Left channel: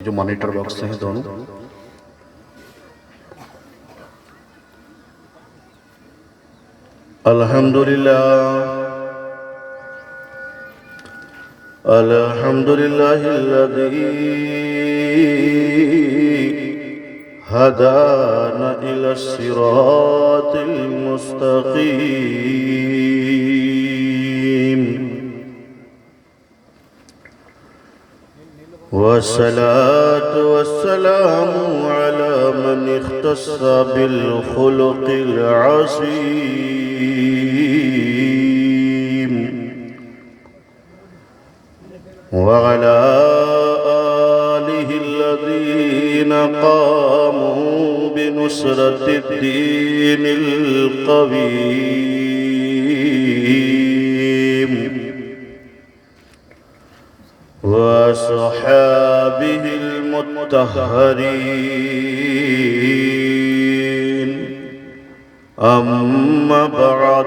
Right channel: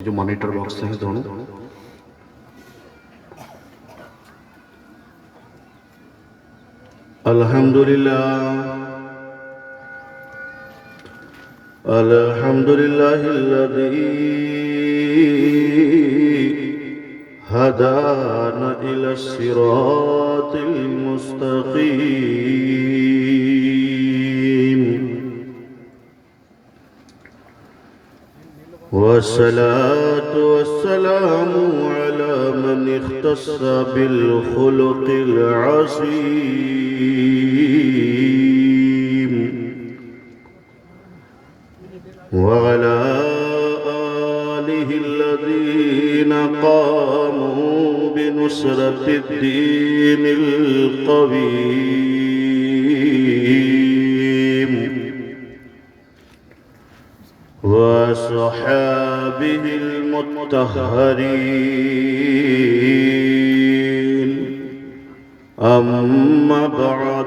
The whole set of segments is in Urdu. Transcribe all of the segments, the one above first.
جو مانیٹر باکس ہیں دونوں الحمدللہ الحمدللہ الذی هدانا إلى الصراط المستقيم والصلاة والسلام على من اختص بالخلق العظيم وعلى آله الذين قاموا بنصرة الدين القويم وأصحابه المطهرين أما بعد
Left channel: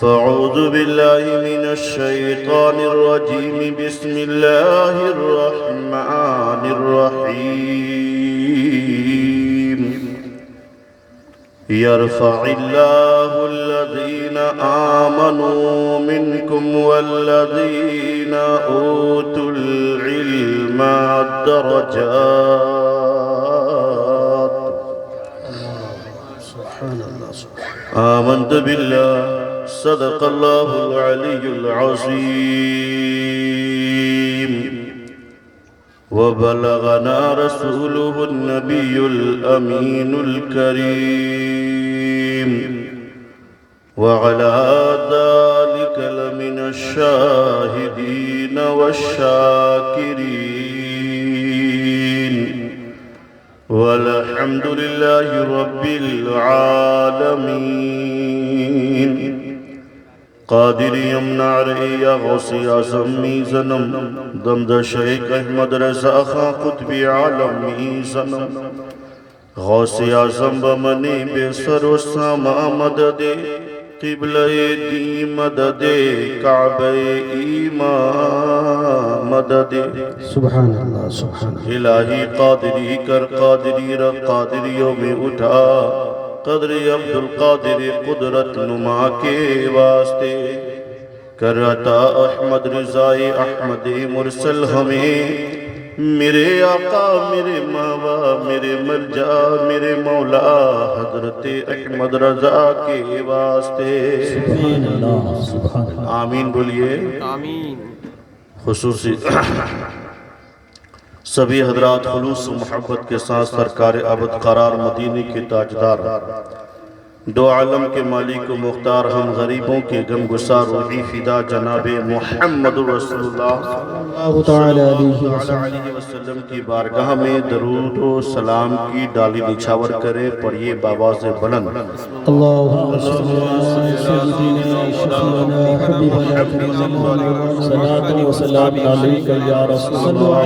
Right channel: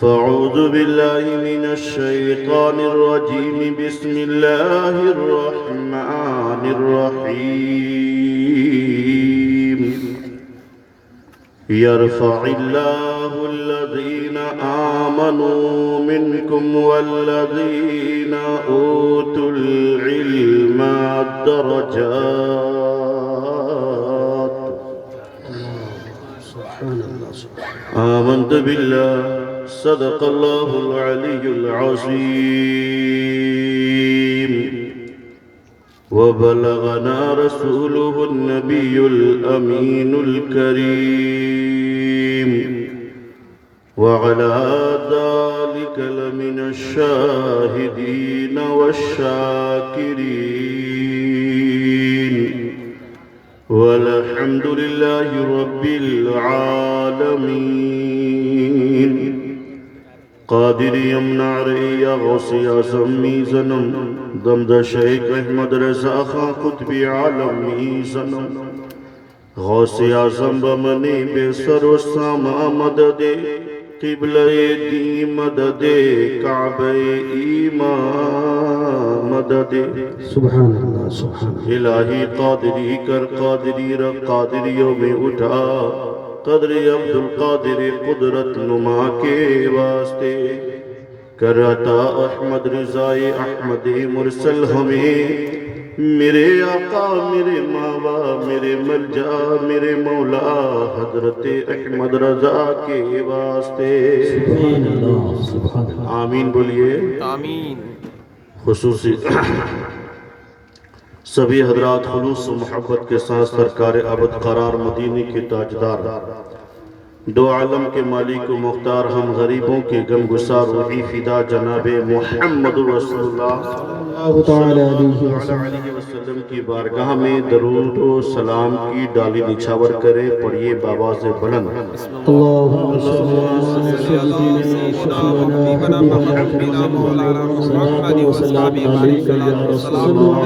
فأعوذ بالله من الشيطان الرجيم بسم الله الرحمن الرحيم يرفع الله الذين آمنوا منكم والذين أوتوا العلم درجات آمنت بالله صدق الله العلي العظيم وبلغنا رسوله النبي الأمين الكريم وعلى ذلك لمن الشاهدين والشاكرين والحمد لله رب العالمين قادر یمنع رئی غوثی اعظم میزنم دمد شیخ احمد رضا خان قطبی عالمی زنم غوثی اعظم بمنی بے سر و ساما مدد قبلہ دی مدد کعبہ ایمان مدد سبحان اللہ سبحان اللہ الہی قادری کر قادری رب قادریوں میں اٹھا قدری عبدالقادر قدرت نما کے واسطے کر عطا احمد رضائی احمد مرسل ہمیں میرے آقا میرے ماوا میرے ملجا میرے مولا حضرت احمد رضا کے واسطے سبحان اللہ سبحان اللہ آمین بولیے آمین خصوصی سبھی حضرات خلوص و محبت کے ساتھ سرکار عبد قرار مدینی کے تاجدار دو عالم کے مالک و مختار ہم غریبوں کے غم گسار روحی فدا جناب محمد رسول اللہ اللہ تعالی علیہ وسلم کی بارگاہ میں درود و سلام کی ڈالی نچھاور کرے پڑھیے بآواز بلند اللہم صلی اللہ سیدنا حبیبنا مولانا محمد و سلام علیکہ یا رسول اللہ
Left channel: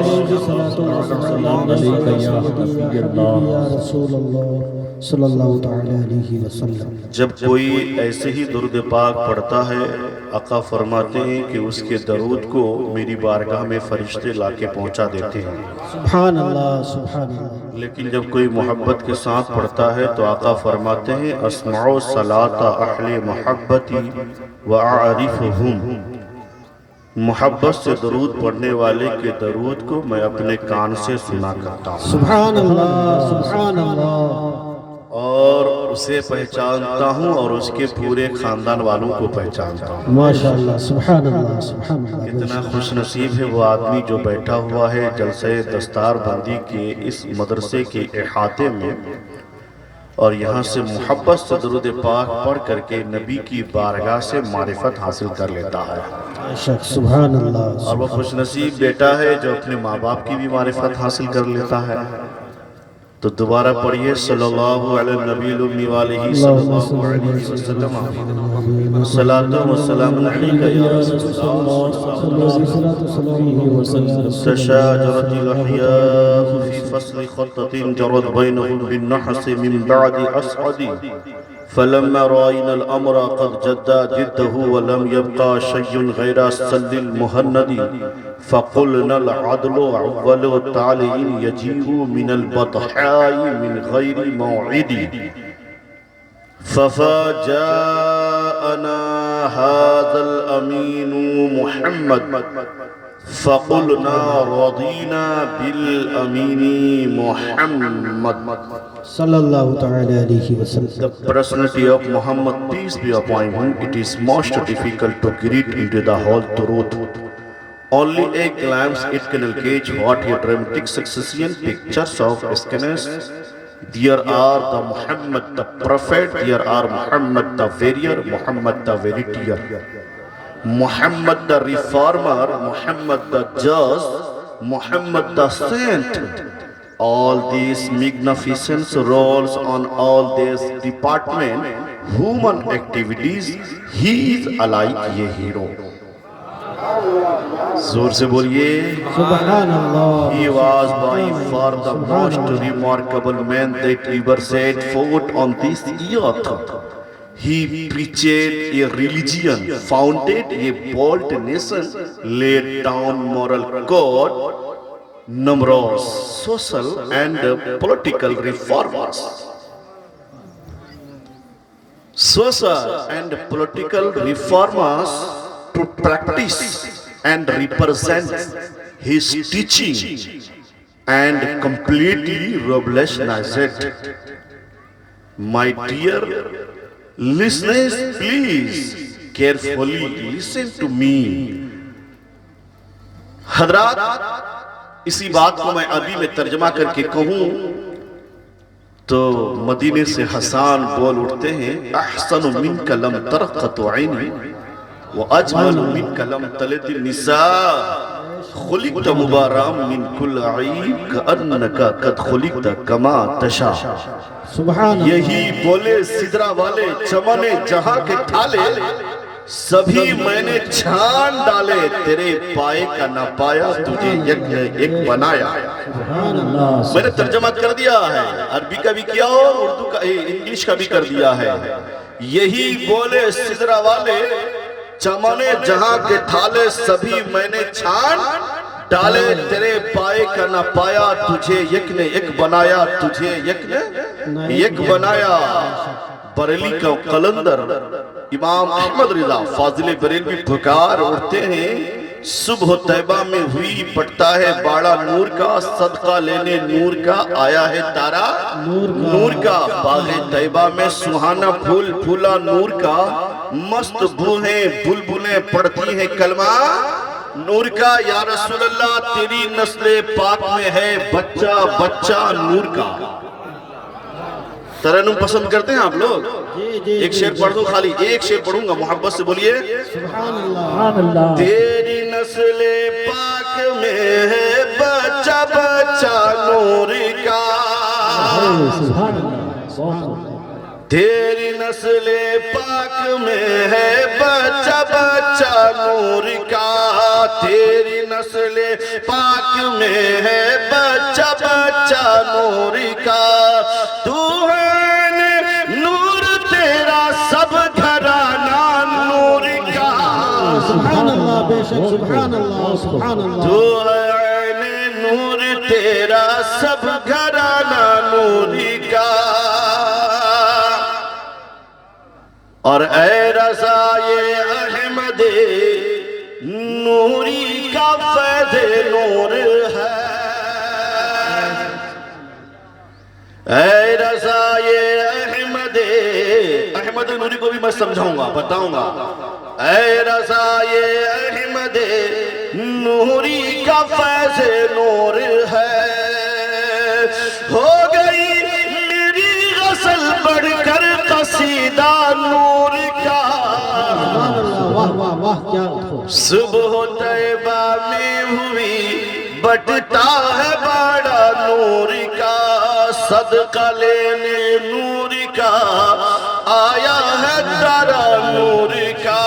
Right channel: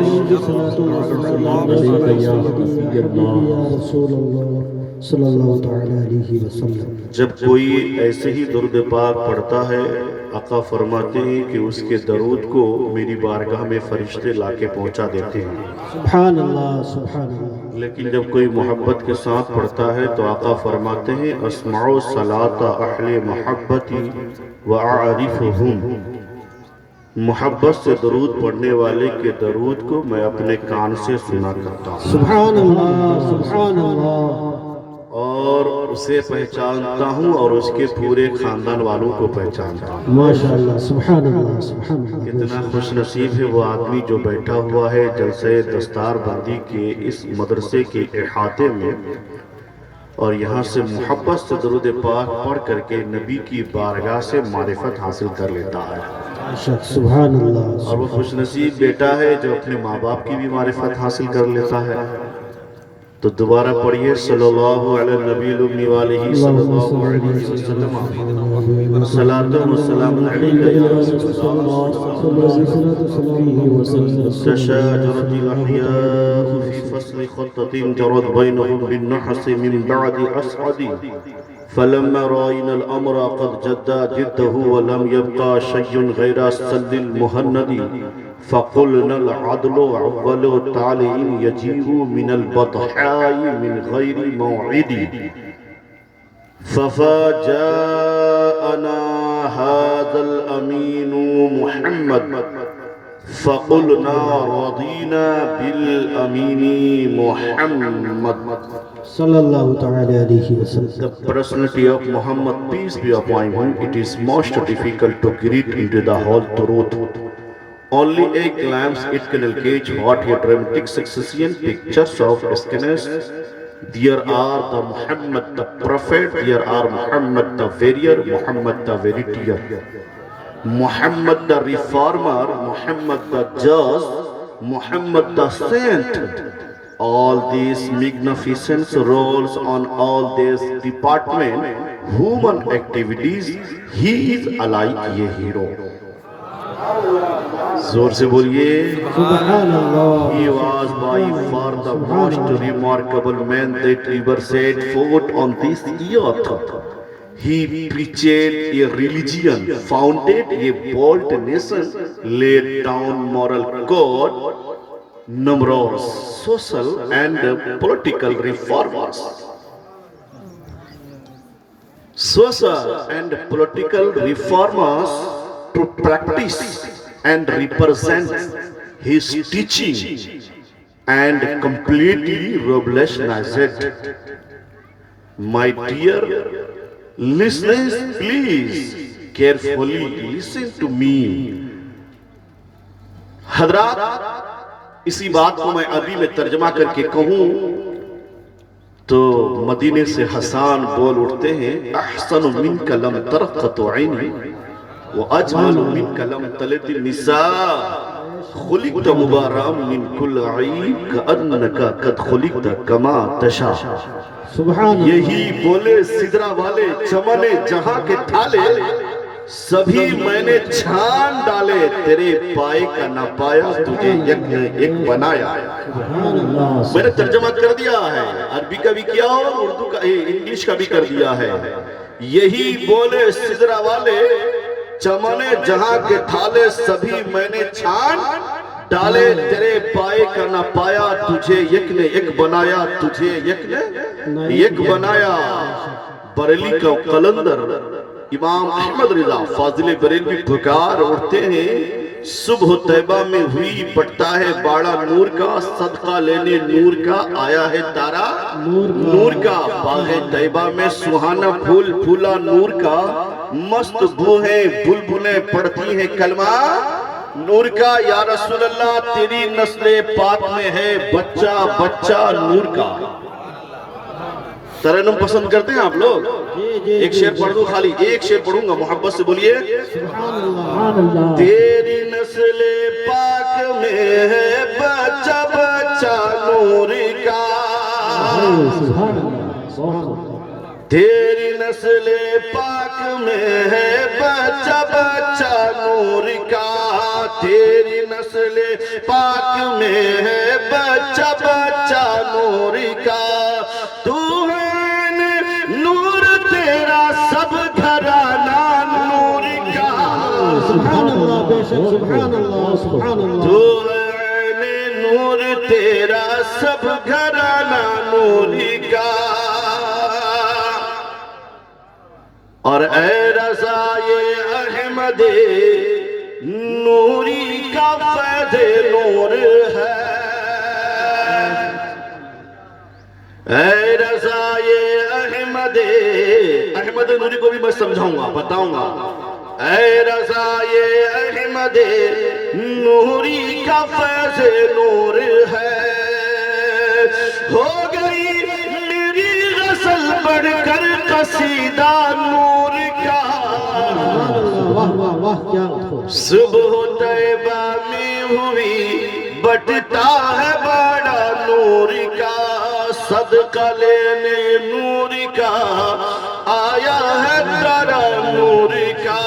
صلی اللہ تعالی علیہ وسلم جب کوئی ایسے ہی درود پاک پڑھتا ہے آقا فرماتے ہیں کہ اس کے درود کو میری بارگاہ میں فرشتے لا کے پہنچا دیتے ہیں سبحان اللہ سبحان اللہ لیکن جب کوئی محبت کے ساتھ پڑھتا ہے تو آقا فرماتے ہیں اسمعوا صلاۃ اہل محبتی واعرفہم محبت سے درود پڑھنے والے کے درود کو میں اپنے کان سے سنا کرتا ہوں سبحان اللہ سبحان اللہ اور اسے پہچانتا ہوں اور اس کے پورے خاندان والوں کو پہچانتا ہوں ماشاءاللہ سبحان اللہ سبحان اللہ کتنا خوش نصیب ہے وہ آدمی جو بیٹھا ہوا ہے جلسہ دستار بندی کے اس مدرسے کے احاطے میں اور یہاں سے محبت سے درود پاک پڑھ کر کے نبی کی بارگاہ سے معرفت حاصل کر لیتا ہے سبحان اللہ اور وہ خوش نصیب بیٹا ہے جو اپنے ماں باپ کی بھی معرفت حاصل کر لیتا ہے تو دوبارہ پڑھیے صلی اللہ علیہ نبی الامی والہ صلی اللہ علیہ وسلم صلاۃ و سلام علیکہ یا رسول اللہ تشاجرت الاحیاء فی فصل خطة جرت بینهم بالنحس من بعد اسعد فلما رأينا الأمر قد جد جده ولم يبقى شيء غير السل المهند فقلنا العدل أول التعليل يجيء من البطحاء من غير موعد ففاجأنا هذا الأمين محمد فقلنا رضينا بالأمين محمد. Sallallahu ta'ala alayhi wa sallam. The personality of Muhammad, peace be upon him, it is most difficult to greet into the whole truth. Only a glance it can engage what a dramatic succession pictures of escanes. There are the Muhammad the Prophet, there are Muhammad the Warrior, Muhammad the Veritier, Muhammad the Reformer, Muhammad the Just, Muhammad the Saint. All these magnificent roles on all these department, human activities, he is alike a hero. زور سے بولیے Subhanallah. He was by far the most remarkable man that ever set foot on this earth. He preached a religion, founded a bold nation, laid down moral code, numerous social and political reforms. Social and political reformers to practice and represent his teaching and completely revolutionized. My dear listeners, please carefully listen to me. حضرات اسی بات کو میں عربی میں ترجمہ کر کے کہوں تو مدینے سے حسان بول اٹھتے ہیں احسن منک لم ترقت عینی واجمل منک لم تلد النساء خلقت مبارم من کل عیب کأنک قد خلقت کما تشاء. Subhanallah. یہی بولے سدرہ والے چمن جہاں کے ٹھالے سبھی میں نے چھان ڈالے تیرے پائے کا نہ پایا تجھے یک نے ایک بنایا. Subhanallah. میں نے ترجمہ کر دیا ہے, عربی کا بھی کیا اور اردو کا انگلش کا بھی کر دیا ہے. یہی بولے سدرہ والے چمنے جہاں کے ٹھالے سبھی میں نے چھان ڈالے تیرے پائے کا نہ پایا تجھے یک نے ایک بنایا تجھے یک نے ایک بنایا. بریلی کا قلندر امام احمد رضا فاضل بریلوی پکار اٹھتے ہیں صبح طیبہ میں ہوئی پڑتا ہے باڑا نور کا صدقہ لینے نور کا آیا ہے تارا نور کا باغ طیبہ میں سہانا پھول پھولا نور کا مست بوہیں بلبلیں پڑھتی ہیں کلمہ نور کا. یا رسول اللہ تیری نسل پاک میں ہے بچہ بچہ نور کا. ترنم پسند کرتے ہیں آپ لوگ؟ ایک شعر پڑھ دو, خالی ایک شعر پڑھوں گا, محبت سے بولیے. Subhanallah. تیری نسل پاک میں ہے بچہ بچہ نور کا. Subhanallah. تیری نسل پاک میں ہے بچہ بچہ نور کا. تیری نسل پاک میں ہے بچہ بچہ نور کا. تو ہے نور تیرا سب گھرانہ نور کا. Subhanallah. Beshak. Subhanallah. Subhanallah. تو ہے نور تیرا سب گھرانہ نور کا. اور اے رضائے احمد نوری کا فیض نور ہے. اے رضائے احمد نوری کو بھی میں سمجھاؤں گا بتاؤں گا. اے رضائے احمد نوری کا فیض نور ہے. ہو گئی میری غسل بڑھ کر قصیدہ نور کا. صبح طیبہ میں ہوئی بٹتا ہے بڑا نور کا. صدقہ لینے نور کا آیا ہے تارا نور کا.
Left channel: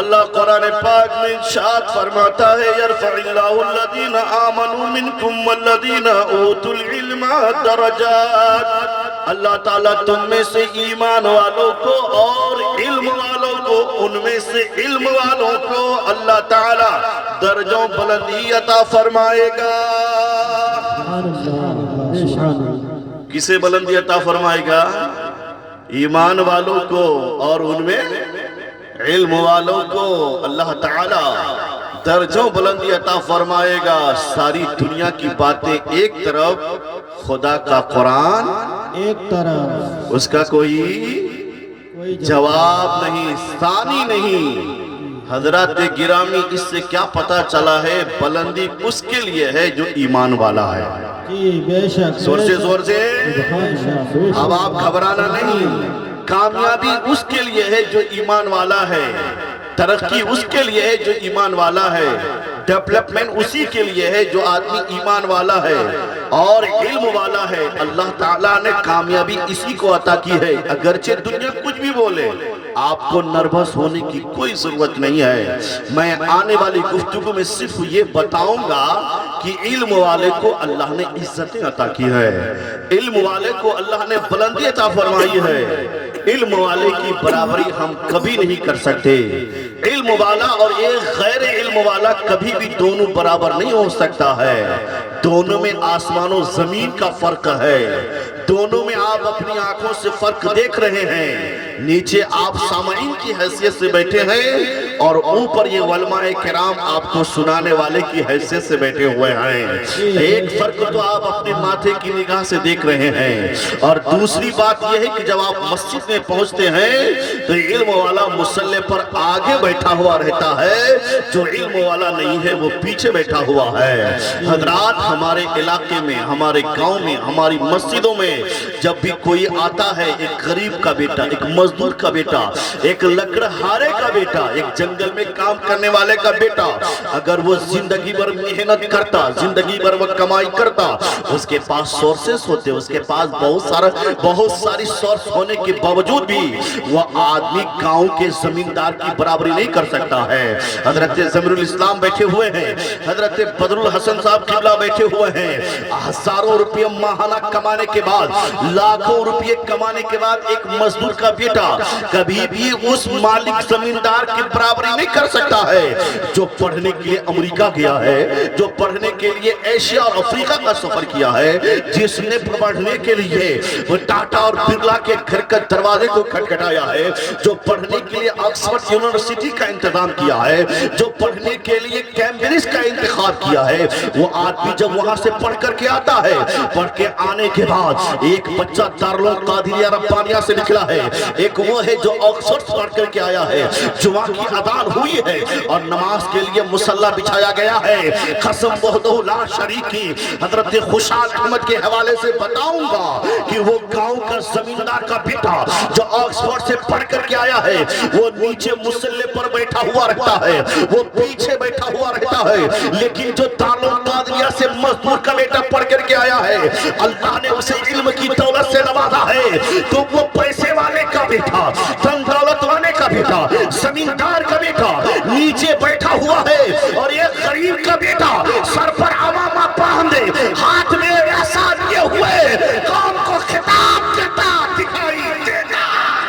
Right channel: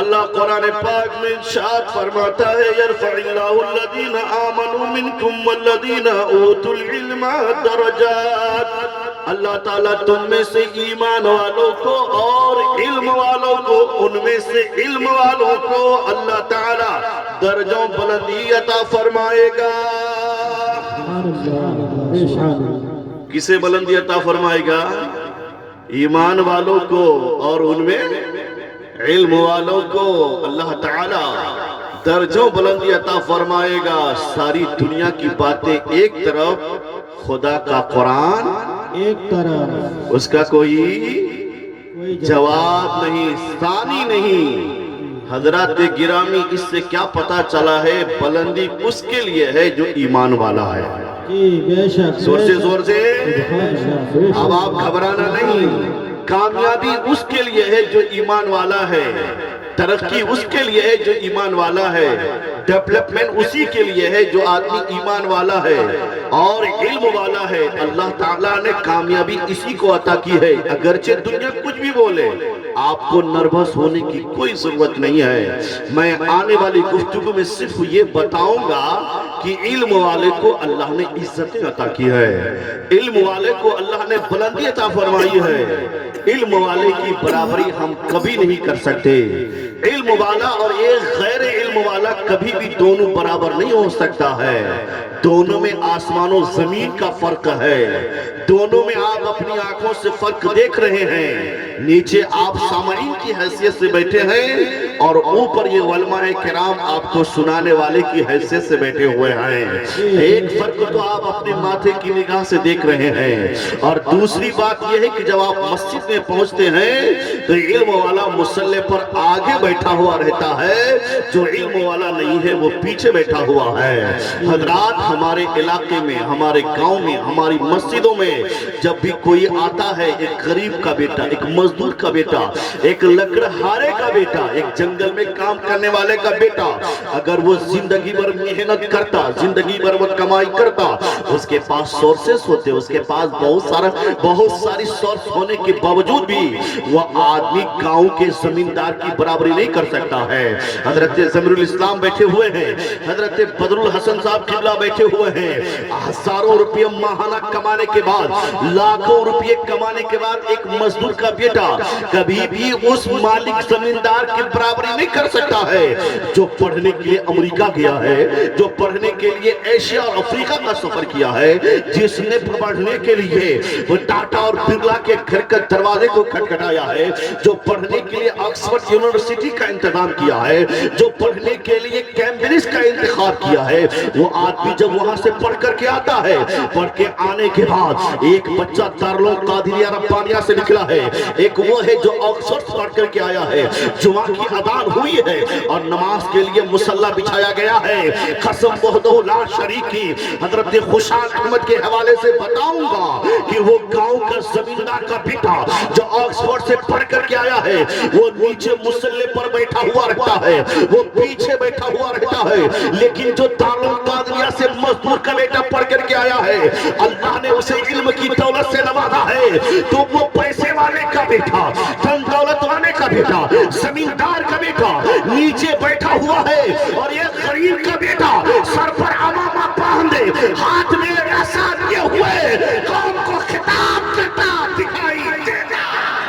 اللہ قرآن پاک میں ارشاد فرماتا ہے یرفع اللہ الذین آمنوا منکم والذین اوتوا العلم درجات. اللہ تعالیٰ تم میں سے ایمان والوں کو اور علم والوں کو، ان میں سے علم والوں کو اللہ تعالیٰ درجوں بلندی عطا فرمائے گا۔ کسے بلندی عطا فرمائے گا؟ ایمان والوں کو اور ان میں علم والوں کو اللہ تعالیٰ درجوں بلندی عطا فرمائے گا۔ ساری دنیا کی باتیں ایک طرف، خدا کا قرآن ایک طرف، اس کا کوئی جواب نہیں، ثانی نہیں۔ حضرات گرامی، اس سے کیا پتا چلا ہے؟ بلندی اس کے لیے ہے جو ایمان والا ہے۔ جی بے شک، زور سے اب آپ گھبرانا نہیں۔ کامیابی اس کے لیے ہے جو ایمان والا ہے، ترقی اس کے لیے ہے جو ایمان والا ہے، ڈیولپمنٹ اسی کے لیے ہے جو آدمی ایمان والا ہے اور علم والا ہے۔ اللہ تعالیٰ نے کامیابی اسی کو عطا کی ہے۔ اگرچہ دنیا کچھ بھی بولے، آپ کو نروس ہونے کی کوئی ضرورت نہیں ہے۔ میں آنے والی گفتگو میں صرف یہ بتاؤں گا کہ علم والے کو اللہ نے عزتیں عطا کی ہے، علم والے کو اللہ نے بلندی عطا فرمائی ہے۔ علم والے کی برابری ہم کبھی نہیں کر سکتے۔ علم والا اور ایک غیر علم والا کبھی بھی دونوں برابر نہیں ہو سکتا ہے۔ دونوں میں آسمان و زمین کا فرق ہے۔ دونوں میں آپ اپنی آنکھوں سے فرق دیکھ رہے ہیں۔ نیچے آپ سامعین کی حیثیت سے بیٹھے ہیں اور اوپر یہ علماء کرام آپ کو سنانے والے کی حیثیت سے بیٹھے ہوئے ہیں۔ ایک فرق تو آپ اپنے ماتھے کی نگاہ سے دیکھ رہے ہیں، اور دوسری بات یہ ہے کہ جب آپ مسجد میں پہنچتے ہیں تو علم والا مصلی پر آگے بیٹھا ہوا رہتا ہے، جو علم والا نہیں ہے وہ پیچھے بیٹھا ہوا ہے۔ حضرات، ہمارے علاقے میں، ہمارے گاؤں میں، ہماری مسجدوں میں جب بھی کوئی آتا ہے، ایک غریب کا بیٹا، ایک مزدور کا بیٹا، ایک لکڑہارے کا بیٹا، ایک جنگل میں کام کرنے والے کا بیٹا، اگر وہ زندگی بھر محنت کرتا، زندگی بھر وہ کمائی کرتا، اس کے پاس سورسز ہوتے، اس کے پاس بہت ساری سورس ہونے کے باوجود بھی وہ آدمی گاؤں کے زمیندار کی برابری نہیں کر سکتا ہے۔ حضرت ضمیر الاسلام بیٹھے ہوئے ہیں، حضرت بدر الحسن صاحب قبلہ بیٹھے ہوئے ہیں، ہزاروں روپیہ ماہانہ کمانے کے بعد، لاکھوں روپیہ کمانے کے بعد ایک مزدور کا بیٹا کبھی بھی اس مالک زمیندار کی برابری نہیں کر سکتا ہے۔ جو پڑھنے کے لیے امریکہ گیا ہے، جو پڑھنے کے لیے ایشیا اور افریقہ کا سفر کیا ہے، جس نے پڑھنے کے لیے وہ ٹاٹا اور برلا کے گھر کے دروازے کو کھٹکھٹایا ہے، جو پڑھنے کے لیے آکسفورڈ یونیورسٹی کا انتظام کیا ہے، جو پڑھنے کے لیے کیمبرج کا انتخاب کیا ہے، وہ آدمی جب وہاں سے پڑھ کر کے آتا ہے، پڑھ کے آنے کے بعد ایک بچہ دارالعلوم قادریہ ربانیہ سے نکلا ہے، ایک وہ ہے جو آکسفورڈ پڑھ کر کے آیا ہے، جمعہ کی اذان ہوئی ہے اور نماز کے لیے مصلی بچھایا گیا ہے۔ قسم وحدہ لا شریک کی حضرت خوشحال احمد کے حوالے سے بتاؤں گا کہ وہ گاؤں کا زمیندار کا بیٹا جو آکسفورڈ سے پڑھ کر کے آیا ہے، وہ نیچے مصلی پر بیٹھا ہوا رہتا ہے، وہ پیچھے بیٹھا ہوا رہتا ہے، لیکن جو دارالعلوم قادریہ سے مزدور کا بیٹا پڑھ کر کے آیا ہے، اللہ نے اسے علم کی دولت سے نوازا ہے، تو وہ پیسے والے کا بیٹا، دن دولت والے کا بیٹا، زمیندار کا بیٹا نیچے بیٹھا ہوا ہے، اور یہ غریب کا بیٹا سر پر عمامہ باندھے، ہاتھ میں ایسا لیے ہوئے، قوم کو خطاب کرتا دکھائی دیتا۔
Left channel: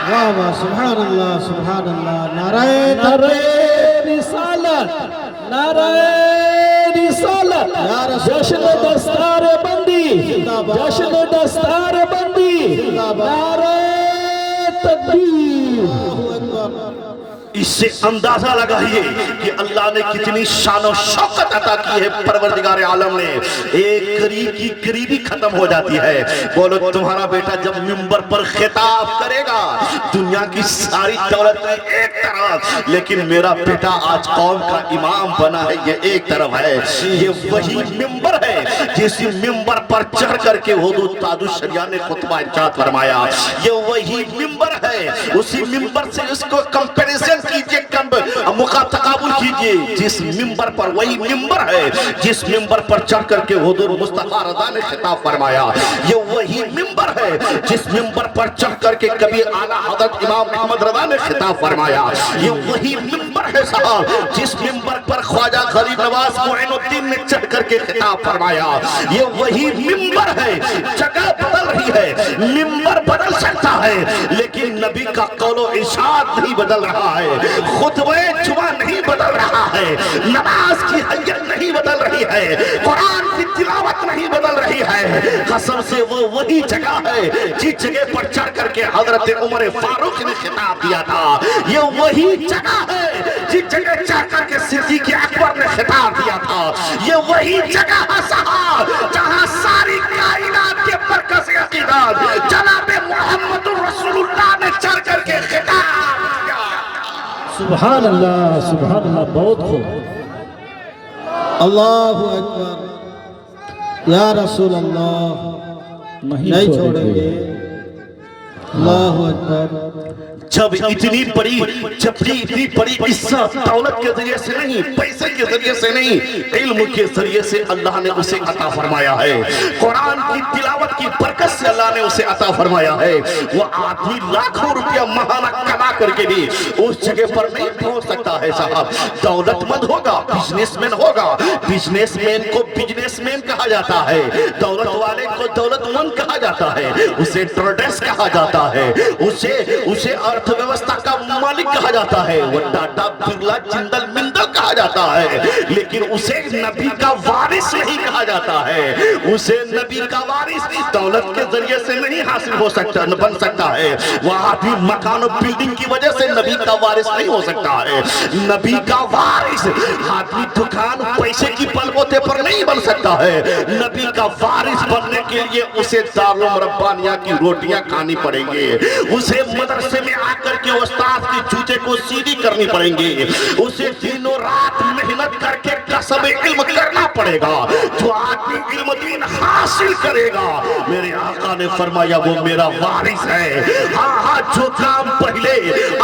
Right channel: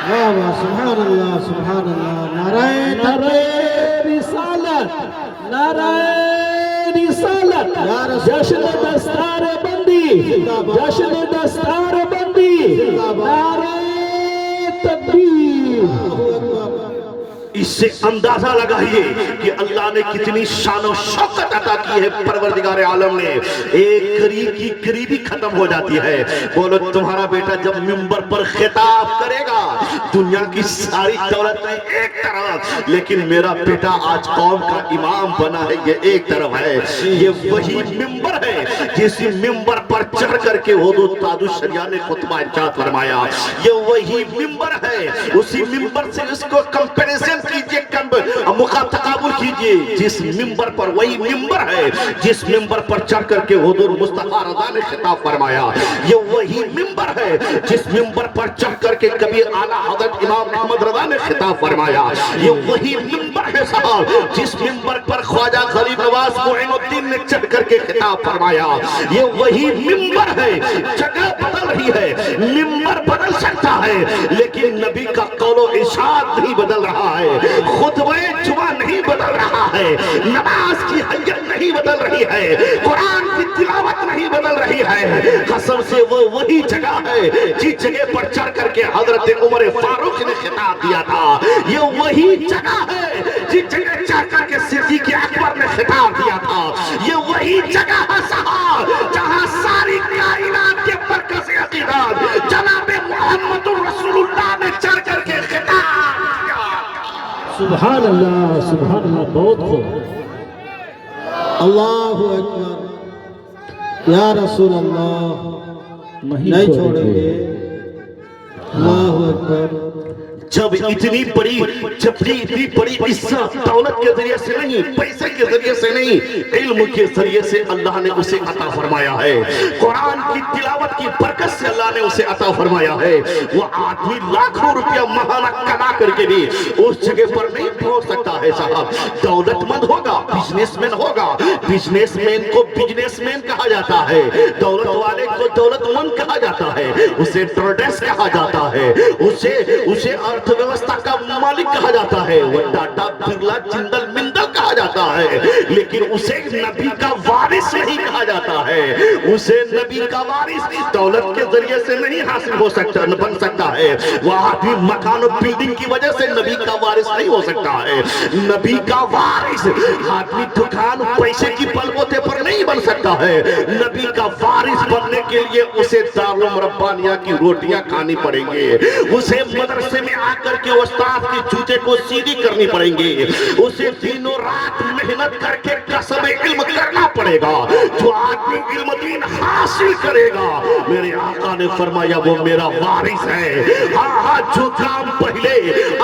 واہ واہ، سبحان اللہ، سبحان اللہ، نعرہ رسالت، نعرہ رسالت، جشن دستار بندی، جشن دستار بندی، نعرہ تکبیر۔ اس سے اندازہ لگائیے کہ اللہ نے کتنی شان و شوکت عطا کی ہے پروردگار عالم نے۔ ایک قریب کی قریبی ختم ہو جاتی ہے۔ بولو تمہارا بیٹا جب منبر پر خطاب کرے گا، دنیا کی ساری دولت میں ایک طرف، لیکن میرا بیٹا آج قوم کا امام بنا ہے، یہ ایک طرف ہے۔ یہ وہی منبر ہے جس منبر پر چڑھ کر کے حضور تاج الشریعہ نے خطبہ ارشاد فرمایا۔ یہ وہی منبر ہے، اسی منبر سے اس کو کمپیریزن کیجئے، تقابل کیجئے، جس منبر پر، وہی منبر ہے جس منبر پر چڑھ کر کے حضور مصطفیٰ رضا نے خطاب فرمایا۔ یہ وہی منبر ہے جس منبر پر چڑھ کر کے کبھی اعلیٰ حضرت امام احمد رضا نے خطاب فرمایا۔ یہ وہی منبر ہے صاحب جس منبر پر خواجہ غریب نواز معین الدین نے چڑھ کر کے خطاب فرمایا یہ وہی ممبر ہے. جگہ بدل رہی ہے, ممبر بدل سکتا ہے لیکن نبی کا قول و ارشاد نہیں بدل رہا ہے, خطبہ جمعہ نہیں بدل رہا ہے, نماز کی حیت نہیں بدل رہی ہے, قرآن کی تلاوت نہیں بدل رہی ہے. قسم سے وہ وہی جگہ ہے جس جگہ پر چڑھ کر کے حضرت عمر فاروق نے خطاب دیا تھا. یہ وہی جگہ ہے جس جگہ چڑھ کر کے صدیق اکبر نے خطاب دیا تھا. یہ وہی جگہ ہے صاحب جہاں ساری کائنات کے مرکز عقیدت جناب محمد رسول اللہ نے چڑھ کر کے خطاب دیا. سبحان اللہ بہت خوب. اللہ اکبر. یا رسول اللہ نہیں چھوڑیں گے. اللہ اکبر. جب اتنی بڑی عزت دولت کے ذریعے سے نہیں, پیسے کے ذریعے سے نہیں, علم کے ذریعے سے اللہ نے اسے عطا فرمایا ہے. قرآن کی تلاوت کی برکت سے اللہ نے اسے عطا فرمایا ہے. وہ آدمی لاکھوں روپیہ ماہانہ کما کر کے بھی اس جگہ پر نہیں پہنچ سکتا ہے صاحب. دولت مند ہوگا, بزنس مین ہوگا, بزنس مین کو بزنس مین کہا جاتا ہے, دولت والے کو دولت مند کہا جاتا ہے, اسے ٹریڈرس کہا جاتا ہے, اسے ارتھ ویوستھا کا مالک کہا جاتا ہے, وہ ٹاٹا برلا جندل مندل کہا جاتا ہے, لیکن اسے نبی کا وارث نہیں کہا جاتا ہے. اسے نبی کا وارث دولت کے ذریعے سے نہیں حاصل ہو سکتا, بن سکتا ہے. وہ آدمی مکان و بلڈنگ کی وجہ سے نبی کا وارث نہیں ہو سکتا ہے. نبی کا وارث آدمی دکان پیسے کی بل بوتے پر نہیں بن سکتا ہے. نبی کا وارث بننے کے لیے اسے دارالمربانیہ کی روٹیاں کھانی پڑیں گے, اسے مدرسے میں آ کر کے استاد کے جوتے کو سیدھی کرنی پڑیں گے, اسے دنوں رات محنت کر کے کسب علم کرنا پڑے گا. جو آدمی علم دین حاصل کرے گا, میرے آقا نے فرمایا وہ میرا وارث ہے. ہاں جو کام پہلے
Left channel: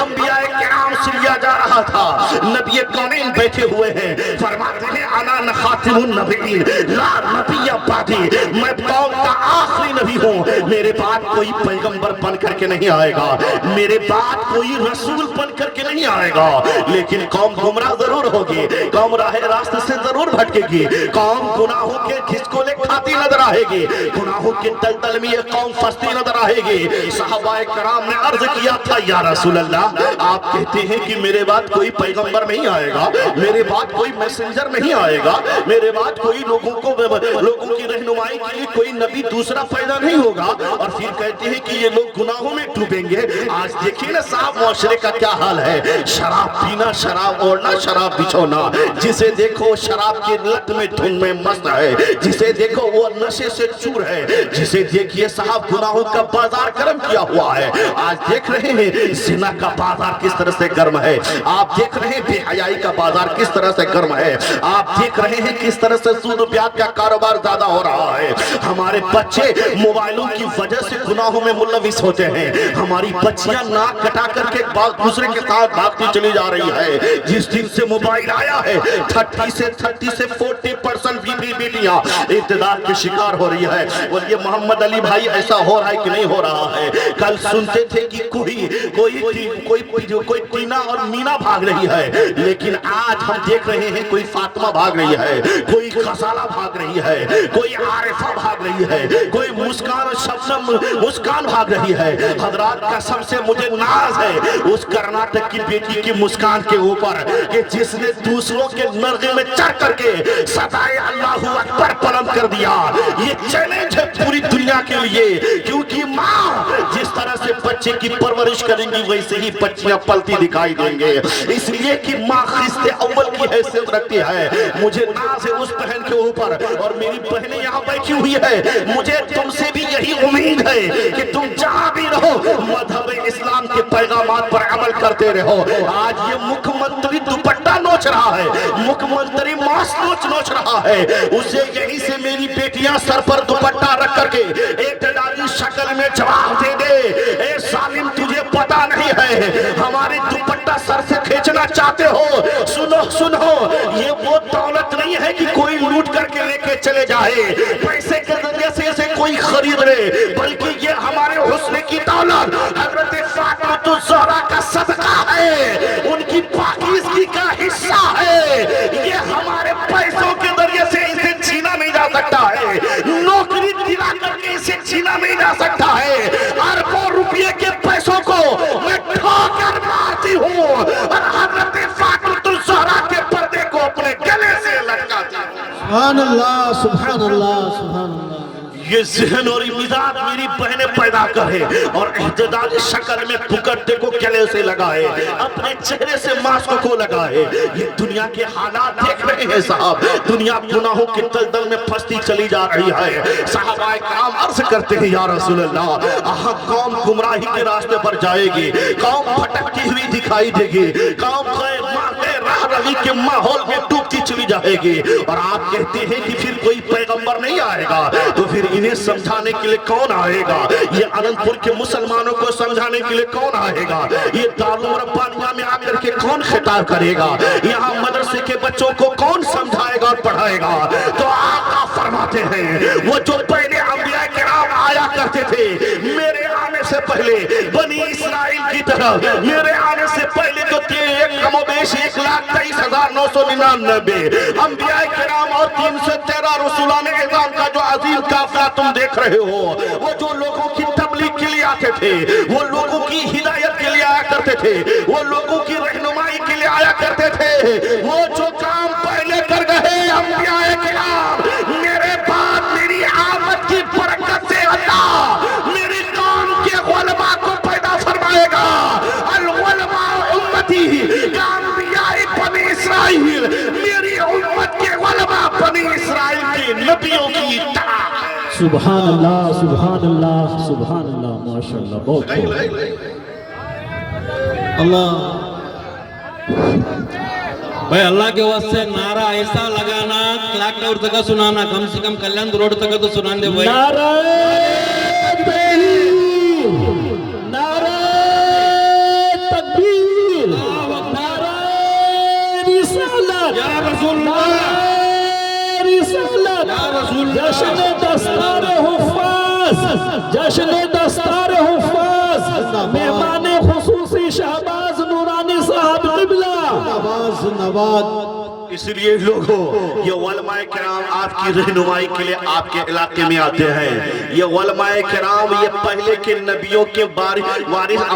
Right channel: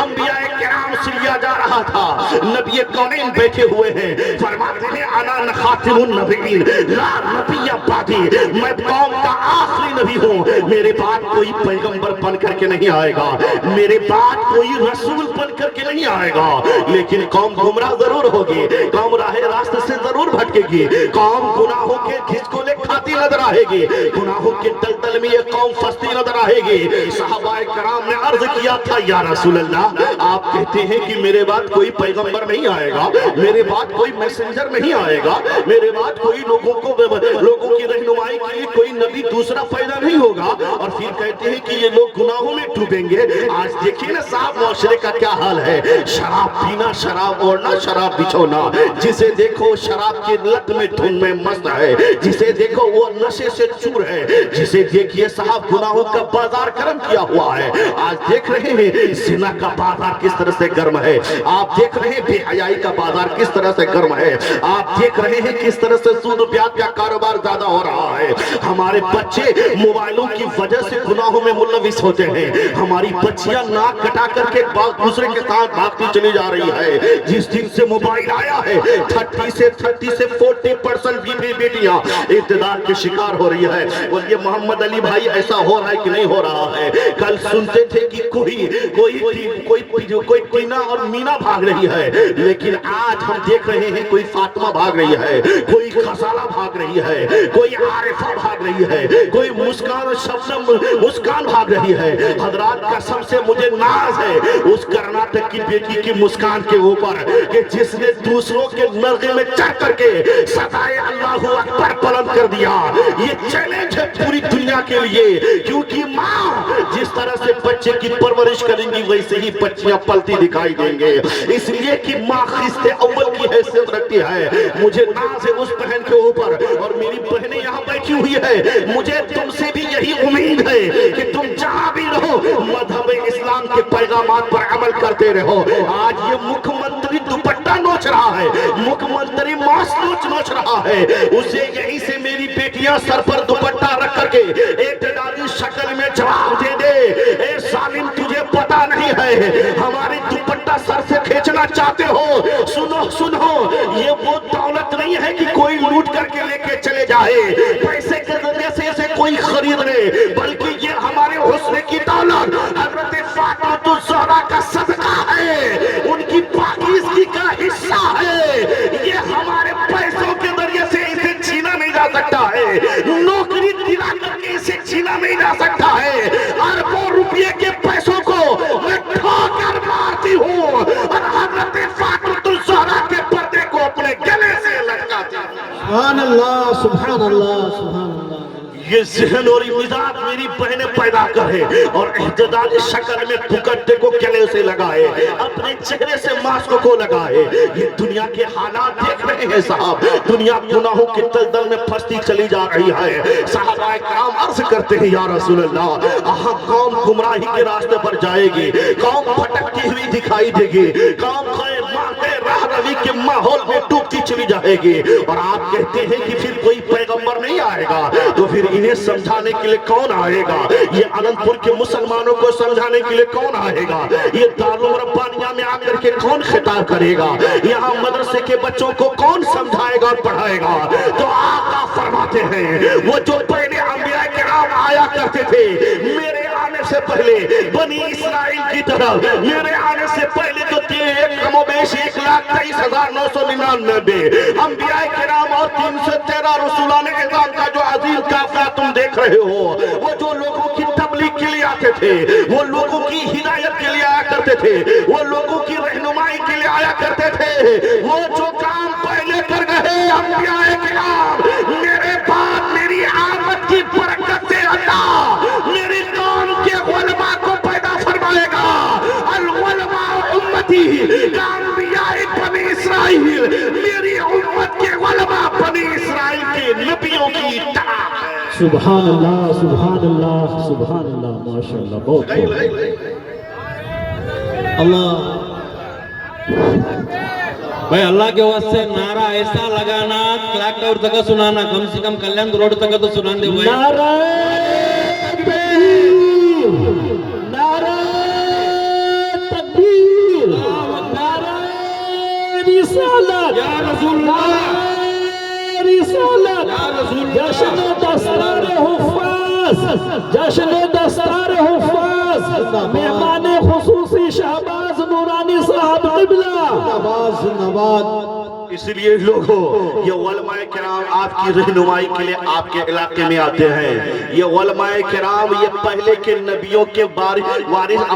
انبیاء کرام سے لیا جا رہا تھا, نبی کونین بیٹھے ہوئے ہیں, فرماتے ہیں انا خاتم النبیین لا نبی بعدی, میں قوم کا آخری نبی ہوں, میرے بعد کوئی پیغمبر بن کر کے نہیں آئے گا, میرے بعد کوئی رسول بن کر کے نہیں آئے گا, لیکن قوم گمراہ ضرور ہوگی, قوم راہ راست سے ضرور بھٹکے گی, قوم گناہوں کے گھسکولے کھاتی نظر آئے گی, گناہوں کے دلدل میں یہ قوم پھنستی نظر آئے گی. صحابہ کرام نے عرض کیا تھا یا رسول اللہ آپ کہتے ہیں کہ میرے بعد کوئی پیغمبر نہیں آئے گا, میرے بعد کوئی میسنجر نہیں آئے گا, میرے بعد کوئی لوگوں کی رہنمائی کے لیے کوئی نبی دوسرا پیدا نہیں ہوگا, اور پھر کہتے ہیں کہ یہ لوگ گناہوں میں ڈوبیں گے. آج دیکھیں نا صاحب معاشرے کا کیا حال ہے, شراب پینا, شراب اوڑھنا, شراب بچھونا, جسے دیکھو شراب کی لت میں دھن میں مست ہے, جسے دیکھو وہ نشے سے چور ہے, جسے دیکھیے صاحب گناہوں کا بازار گرم کیا ہوا ہے. آج دیکھ رہے ہیں زنا کا بازار کس طرح سے گرم ہے, آپ دیکھ رہے ہیں بے حیائی کا بازار کس طرح سے گرم ہے, آپ دیکھ رہے ہیں کس طرح سے سود و بیعت کا کاروبار زیادہ ہو رہا ہے. ہمارے بچے موبائلوں کی وجہ سے گناہوں میں ملوث ہوتے ہیں, ہماری بچیاں ناک کٹا کر کے دوسرے کے ساتھ بھاگتی چلی جا رہی ہے. جس دن سے موبائل آیا ہے 30 سے 40% بیٹیاں ابتدار کے شکار ہو رہی ہے. اور یہ محمد علی بھائی ایسا ہو رہا ہے کہ نہیں ہو رہا ہے؟ کل سنتے تھے کہ کوئی ٹینا اور مینا بھاگ رہی ہے, لیکن آج ہم دیکھ رہے ہیں کوئی فاطمہ بھاگ رہی ہے, کوئی غزالہ بھاگ رہی ہے, کوئی عارفہ بھاگ رہی ہے, کوئی مسکان شبنم مسکان بھاگ رہی ہے. حضرات قسم سے مجھے ناز ہے اس کرناٹک کی بیٹی کی مسکان کے اوپر کہ جس نے دوسروں کے نرغے میں چڑھ کر کے صدائے اللہ اکبر بلند کر دیا. یہ چیلنج ہے پوری دنیا کے لیے, کیونکہ ماں جس طرح سے بچے کی پرورش کریں گی ویسے ہی بچیاں پلتی دکھائی دیں گے, اس لیے کہ ماں خست اول کی حیثیت رکھتی ہے. مجھے ناز ہے اس بہن کے اوپر, اور میری بہنیں یہاں بیٹھی ہوئی ہے, مجھے تم سے بھی یہی امید ہے کہ تم جہاں بھی رہو مذہب اسلام کے پیغامات پر عمل کرتے رہو. آج یہ مکھ منتری دوپٹہ نوچ رہا ہے, مکھ منتری ماسک نوچ رہا ہے, اسے یہی سے میری بیٹیاں سر پر دوپٹہ رکھ کر کے ایک ڈالی شکل میں جواب دے دے, اے ظالم تجھے پتا نہیں ہے ہماری دوپٹہ سر سے کھینچنا چاہتے ہو, سنو یہ وہ دولت نہیں ہے کہ کوئی لوٹ کر کے لے کے چلے جائے, پیسے کے ذریعے سے اسے کوئی خرید لے, بلکہ یہ ہمارے حسن کی دولت حضرت فاطمہ الزہرا کا صدقہ ہے, ان کی پاکیزگی کا حصہ ہے. یہ ہمارے پیسوں کے ذریعے سکتا ہے، نوکری دلا کر کے اسے چھینا نہیں جا سکتا ہے، اربوں روپے کے پیسوں کو میں ٹھوکر مارتی ہوں اور حضرت فاطمہ الزہرا کے پردے کو اپنے گلے سے لٹکاتی ہوں۔ سبحان اللہ سبحان اللہ سبحان اللہ۔ یہ ذہن اور مزاج میری بہنیں پیدا کرے اور احتجاجی شکل میں پکڑتے کو گلے سے لگائے، اپنے چہرے سے ماسک کو لگائے۔ یہ دنیا کے حالات دیکھ رہے ہیں صاحب، دنیا گناہوں کے دلدل میں پھنستی چلی جا رہی ہے۔ صحابہ کرام عرض کرتے ہیں یا رسول اللہ، قوم گمراہی کے راستے پر جائے گی، قوم بھٹکتی ہوئی دکھائی دے گی، قوم راہ روی کے ماحول میں ڈوبتی چلی جائے گی، اور آپ کہتے ہیں کہ پھر کوئی پیغمبر نہیں آئے گا، تو پھر انہیں سمجھانے کے لیے کون آئے گا؟ یہ اننت پور کے مسلمانوں کو سمجھانے کے لیے کون آئے گا؟ یہ دارالعلوم ربانیہ میں آ کر کے کون خطاب کرے گا؟ یہاں مدرسے کے بچوں کو کون سمجھائے گا اور پڑھائے گا؟ تو آقا فرماتے ہیں وہ جو پہلے انبیاء کرام آیا کرتے تھے میرے آنے سے پہلے، بنی اسرائیل کی طرف میرے آنے سے پہلے جو تھے، کم و بیش 1,23,999 انبیاء کرام اور 313 رسولان اعظام کا جو عظیم قافلہ تم دیکھ رہے ہو، وہ جو لوگوں کی تبلیغ کے لیے آتے تھے، وہ لوگوں کی ہدایت کے لیے آیا کرتے تھے، وہ لوگوں کی رہنمائی کے لیے آیا کرتے تھے، وہ جو کام پہلے کر گئے انبیاء کرام، میرے بعد میری آمد کی برکت سے اللہ میری قوم کے علماء کو پیدا فرمائے گا۔ العلماء امتی کا انبیاء بنی اسرائیل، میری امت کے علماء بنی اسرائیل کے نبیوں کی طرح۔ سبحان اللہ سبحان اللہ سبحان اللہ، ماشاءاللہ بہت اللہ۔ بھائی اللہ کے واسطے نعرہ ایسا لگانا، کلاک ٹاور تک سنانا، کم سے کم کلیان روڈ تک تو سنان دے بھائی۔ نعرہ تکبیر، نعرہ تکبیر، نعرہ رسالت، یا رسول اللہ، رسالت، جشن دستار حفاظ، جشن دستار حفاظ، مہمان خصوصی شہباز نورانی صاحب قبلہ، نواز نواز۔ اس لیے لوگوں، یہ علماء کرام آپ کی رہنمائی کے لیے آپ کے علاقے میں آتے ہیں۔ یہ علماء کرام یہ پہلے کے نبیوں کے وارث،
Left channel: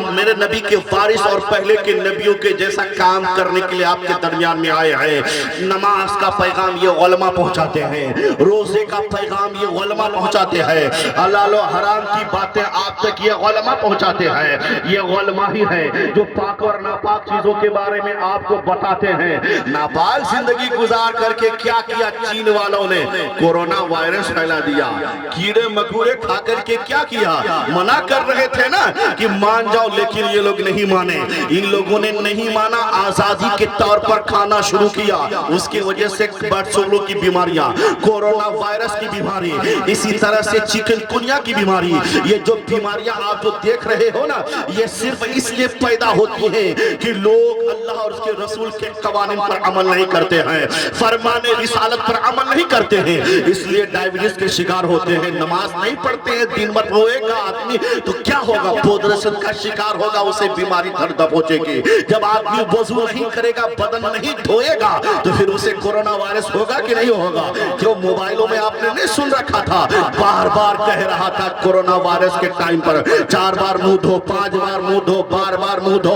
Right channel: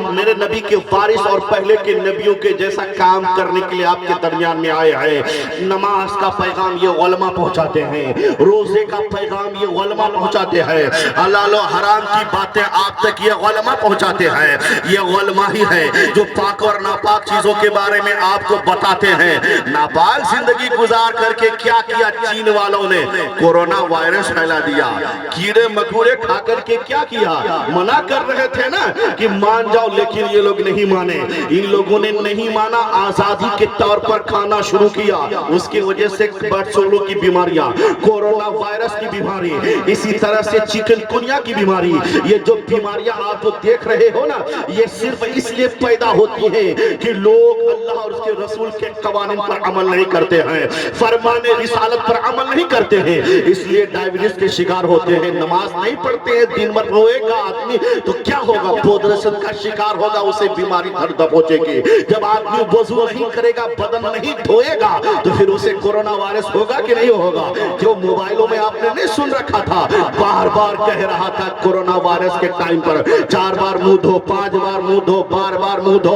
میرے نبی کے وارث اور پہلے کے نبیوں کے جیسا کام کرنے کے لیے آپ کے درمیان میں آئے ہیں۔ نماز کا پیغام یہ علماء پہنچاتے ہیں، روزے کا پیغام یہ علماء پہنچاتے ہیں، حلال و حرام کی باتیں آپ تک یہ علماء پہنچاتے ہیں۔ یہ علماء ہی ہے جو پاک اور ناپاک چیزوں کے بارے میں آپ کو بتاتے ہیں۔ ناپاک زندگی گزار کر کے کیا کیا چین والوں نے؟ کورونا وائرس پھیلا دیا، کیڑے مکوڑے کھا کر کے کیا کیا؟ منع کر رہے تھے نا کہ مان جاؤ، لیکن یہ لوگ نہیں مانے۔ ان لوگوں نے نہیں مانا، آزادی کے طور پر کھانا شروع کیا، اس کی وجہ سے برڈ فلو کی بیماریاں، کورونا وائرس کی بیماری، اسی طرح سے چکن کونیا کی بیماری، یہ جو بیماریاں آپ جو دیکھ رہے ہو نا، یہ صرف اس لیے پیدا ہوتی ہیں کہ لوگ اللہ اور اس کے رسول کے قوانین پر عمل نہیں کرتے ہیں، فرمان رسالت پر عمل نہیں کرتے ہیں، اس لیے ڈائبٹیز کے شکار ہوتے ہیں۔ نماز نہیں پڑھتے ہیں، دن بھر روئے گا آدمی تو کیا ہوگا؟ پودرشن کا شکار ہوگا، اسے بیماری گھر پہنچے گی۔ جب آدمی وضو نہیں کرے گا، بدن نہیں دھوئے گا، تو پھر اسے کورونا وائرس ہوگا کہ نہیں ہوگا؟ جو موبائلوں میں آپ نے نہیں سن رکھا تھا، بار بار کہہ رہا تھا کورونا وائرس کے ٹائم پر 4 بار منہ دھو، 5 بار منہ دھو، بار بار منہ دھو۔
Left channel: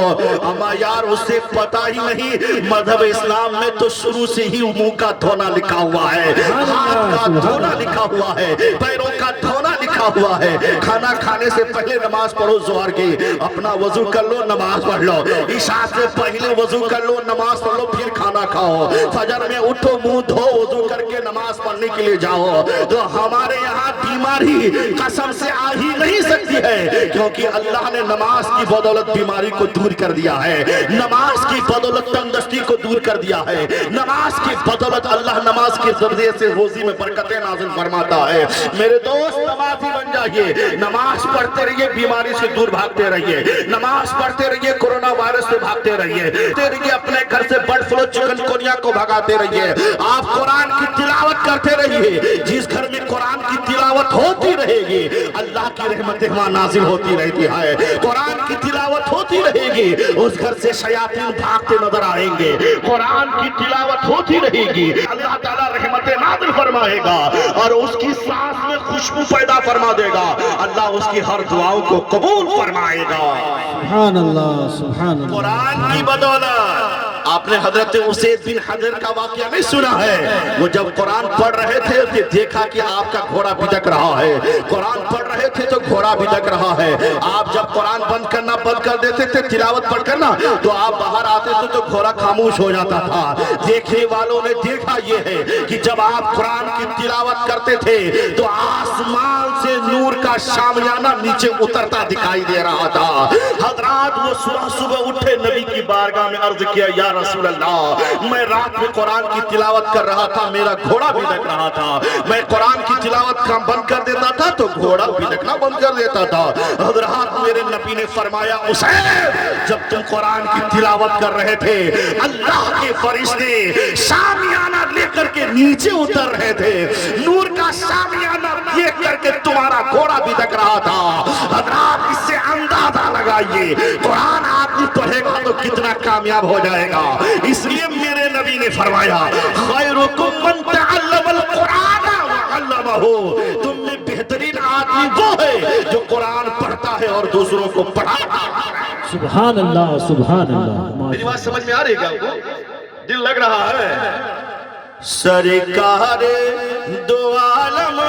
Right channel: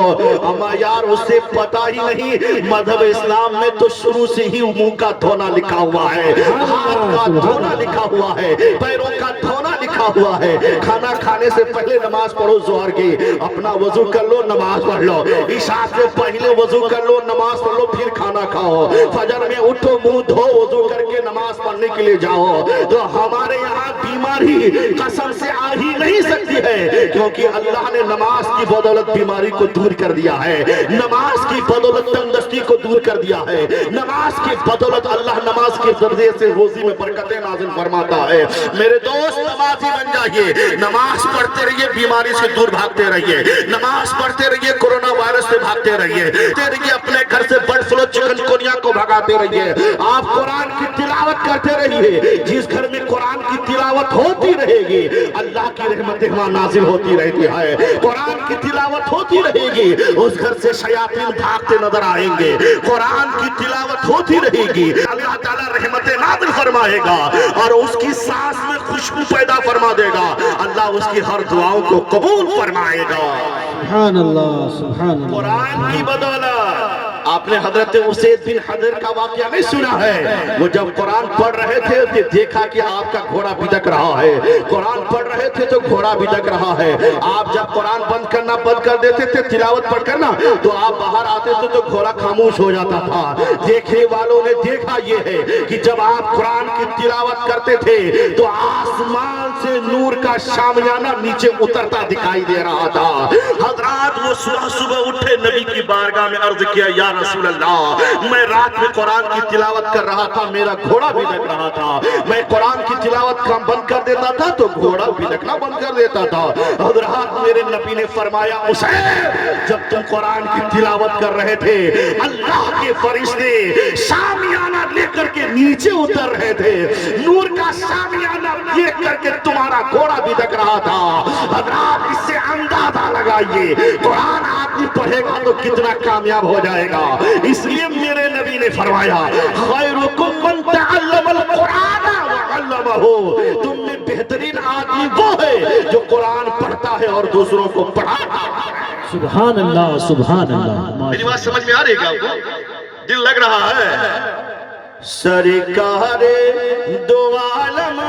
اما یار اسے پتا ہی نہیں، مذہب اسلام میں تو شروع سے ہی منہ کا دھونا لکھا ہوا ہے، ہاتھ کا دھونا لکھا ہوا ہے، پیروں کا دھونا لکھا ہوا ہے۔ کھانا کھانے سے پہلے نماز پڑھو، ظہر کی اپنا وضو کر لو، نماز پڑھ لو، عشاء سے پہلے وضو کر لو، نماز پڑھ لو، پھر کھانا کھاؤ، فجر میں اٹھو، منہ دھو، وضو کر کے نماز پڑھنے کے لیے جاؤ۔ تو ہمارے یہاں بیماری قسم سے آ ہی نہیں سکتی ہے، کیونکہ اللہ نے نماز کی بدولت بیماری کو دور کر دیا ہے، نماز کی بدولت تندرستی کو دور کر دیا ہے، نماز کی بدولت اللہ نماز کے ذریعے سے روزی میں برکتیں نازل فرماتا ہے۔ میرے دوست نمازی بن جائیے، نماز پڑھتے رہیے، بیماری سے دور بھاگتے رہیے، نماز پڑھتے رہیے، کورونا وائرس سے بھاگتے رہیے، اپنے گھر سے برڈ فلو چکن کونیا کو بھگاتے رہیے۔ آپ قرآن کی تلاوت کرتے رہیے، جس گھر میں قرآن کی تلاوت ہوتی رہے گی، اللہ کی رحمتیں وہاں نازل ہوتی رہتی ہے، قرآن کی تلاوت ہوتی رہے گی، اس گھر سے شیاطین بھاگتے نظر آئیں گے، قرآن کی تلاوت ہوتی رہے گی، اللہ تعالیٰ رحمتیں نازل فرمائے گا اور اس کی سانس میں خوشبو پیدا فرما دے گا، اللہ اس کی ہر دعاؤں کو قبول فرمائے گا۔ سبحان اللہ سبحان اللہ۔ قرآن کی بدولت آپ نے حضرت اسید بن حضر کا واقعہ نہیں سنا ہے؟ وہ جب قرآن پڑھ رہے تھے تو دیکھا کہ آپ کا گھوڑا بھٹک رہا ہے، قرآن پڑھ رہے تھے تو گھوڑا بھٹک رہا ہے، آپ جب قرآن بند کر دیتے تھے تلاوت پڑھ کرنا تو آپ باہر آتے تھے تو گھوڑا خاموش ہو جاتا تھا۔ دیکھنے والوں نے دیکھا یہ ہے کہ جب آپ قرآن کی تلاوت کرتے تھے تو آسمان سے نور کا شامیانہ نیچے اترتا دکھائی دے رہا تھا۔ حضرات وہ صبح اٹھے، نبی کی بارگاہ میں عرض کیا، یا رسول اللہ میں رات میں قرآن کی تلاوت کر رہا تھا، میرا گھوڑا بھی لگ رہا تھا، میں قرآن کی تلاوت کا بند کر دیتا تھا تو گھوڑا بھی لگنا بند کر دیتا تھا۔ حضرات میرے نبی نے فرمایا، اسید جب تم قرآن کی تلاوت کر رہے تھے اللہ کے فرشتے شامیانہ لے کر کے نیچے اتر رہے تھے، نور کا شامیانہ لے کر کے تمہارا گھوڑا بھی لگ رہا تھا۔ حضرات اس سے اندازہ لگائیے قرآن آدمی پڑھے گا تو کتنا کامیاب ہو جائے گا۔ اس لیے میرے نبی نے فرمایا، خیرکم من تعلم القرآن وعلمہ، تم میں بہترین آدمی وہ ہے جو قرآن پڑھتا ہے اور دوسروں کو پڑھاتا ہے۔ سبحان اللہ سبحان اللہ۔ میری بات سمجھ میں آ رہی ہے آپ کو؟ دل لگ رہا ہے؟ سرکار دو عالم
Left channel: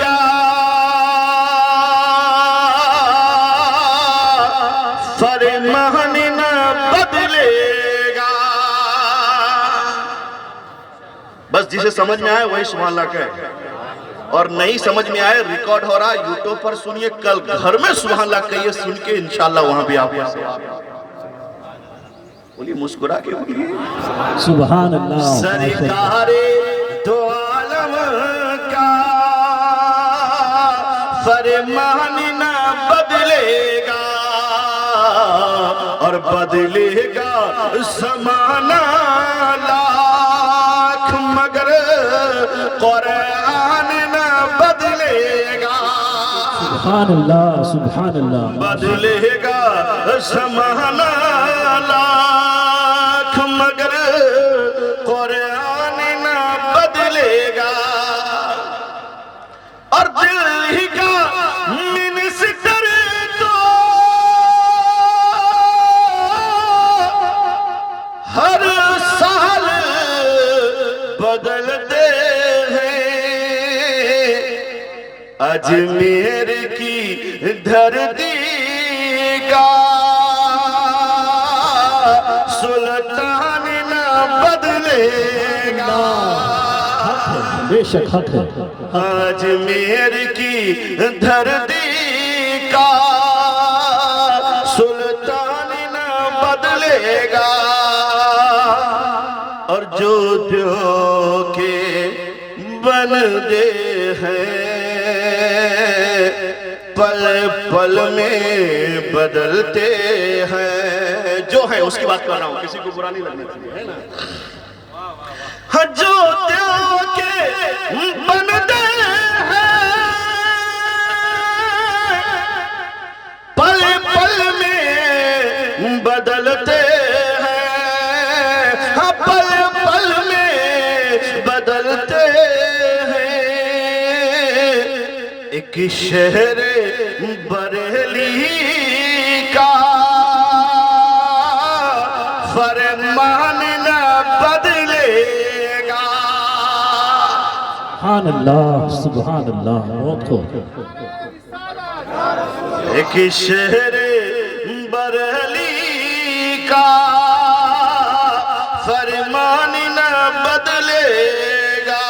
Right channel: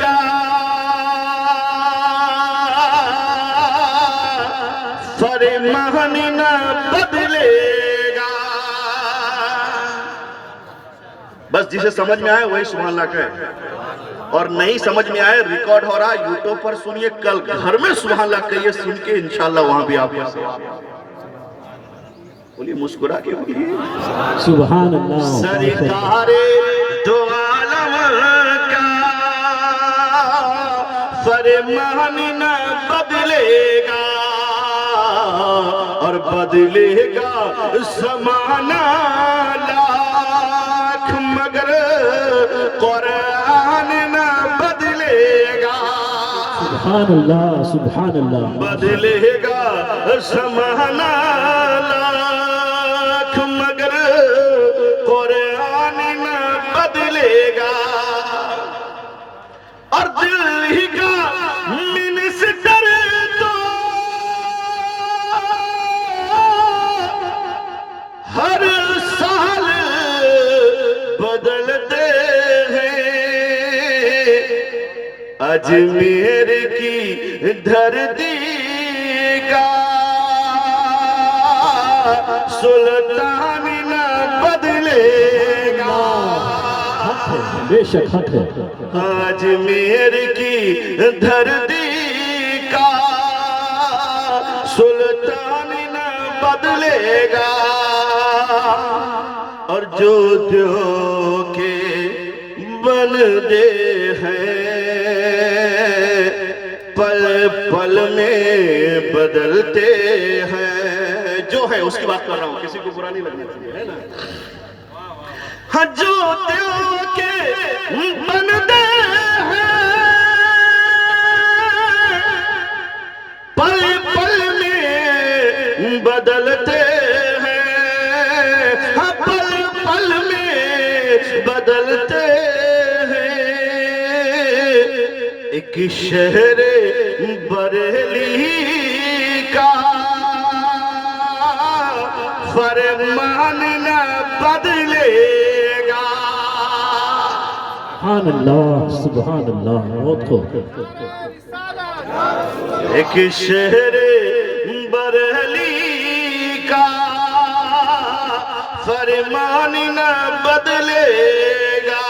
کا فرمان نہ بدلے گا۔ بس جسے سمجھ میں آئے وہی سبحان اللہ کہے، اور نہیں سمجھ میں آئے ریکارڈ ہو رہا ہے یوٹیوب پر سنیے، کل گھر میں سبحان اللہ کہیے، سن کے انشاءاللہ وہاں بھی آپ بولیے، مسکرا کے بولیے سبحان اللہ۔ سرکار دو عالم کا فرمان نہ بدلے گا، اور بدلے گا زمانہ لاکھ مگر قرآن نہ بدلے گا۔ سبحان اللہ سبحان اللہ۔ بدلے گا زمانہ لاکھ مگر قرآن نہ بدلے گا، اور دل ہی کا منسٹر تو ہر سال بدلتے ہیں، اجمیر کی دھرتی کا سلطان نہ بدلے گا۔ بے شک حق ہے۔ اجمیر کی دھرتی کا سلطان نہ بدلے گا، اور جو دیوں کے بندے ہیں پل پل میں بدلتے ہیں۔ جو ہے اس کی بات کر رہا ہوں، کسی کو برا نہیں لگنا چاہیے، ہے نا؟ جو دیوں کے بندے ہیں پل پل میں بدلتے ہیں، پل پل میں بدلتے ہیں۔ ایک شہر بریلی کا فرمان نہ بدلے گا۔ سبحان اللہ سبحان اللہ۔ بہت خوب۔ ایک شہر بریلی کا فرمان نہ بدلے گا۔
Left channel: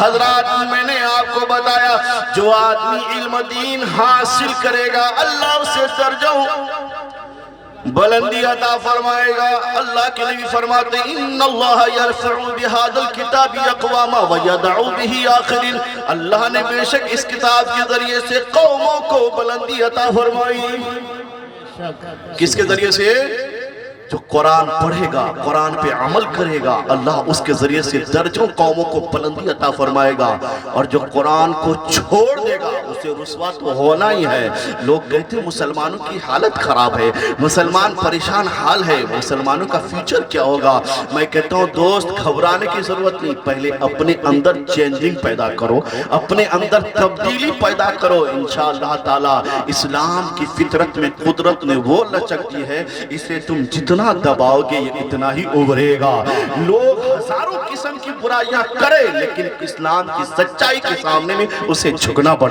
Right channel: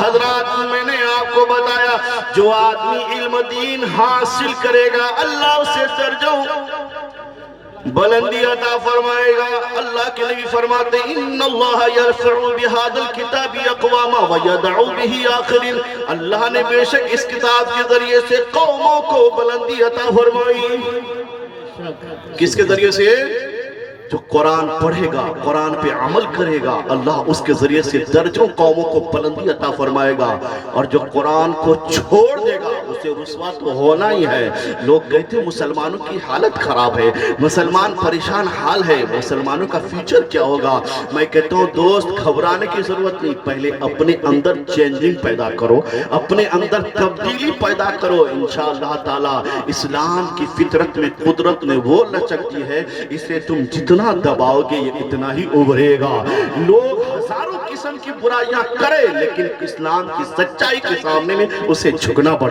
حضرات میں نے آپ کو بتایا، جو آدمی علم دین حاصل کرے گا اللہ اسے درجوں بلندی عطا فرمائے گا۔ اللہ کے نبی فرماتے ہیں، ان اللہ یرفع بهذا الكتاب اقواما ويدع به آخرین، اللہ نے بے شک اس کتاب کے ذریعے سے قوموں کو بلندی عطا فرمائی۔ کس کے ذریعے سے؟ جو قرآن پڑھے گا، قرآن پہ عمل کرے گا، اللہ اس کے ذریعے سے درجوں قوموں کو بلندی عطا فرمائے گا، اور جو قرآن کو چھوڑ دے گا اسے رسوا تو ہونا ہی ہے۔ لوگ کہتے ہیں مسلمانوں کی حالت خراب ہے، مسلمان پریشان حال ہے، مسلمانوں کا فیوچر کیا ہوگا؟ میں کہتا ہوں دوست گھبرانے کی ضرورت نہیں، پہلے اپنے اندر چینجنگ پیدا کرو، اپنے اندر تبدیلی پیدا کرو، انشاءاللہ تعالی اسلام کی فطرت میں قدرت نے وہ لچک دی ہے، اسے تم جتنا دباؤ گے یہ اتنا ہی ابھرے گا۔ لوگ ہزاروں قسم کی برائیاں کرے لیکن اسلام کی سچائی کے سامنے میں اسے جھکنا پڑے۔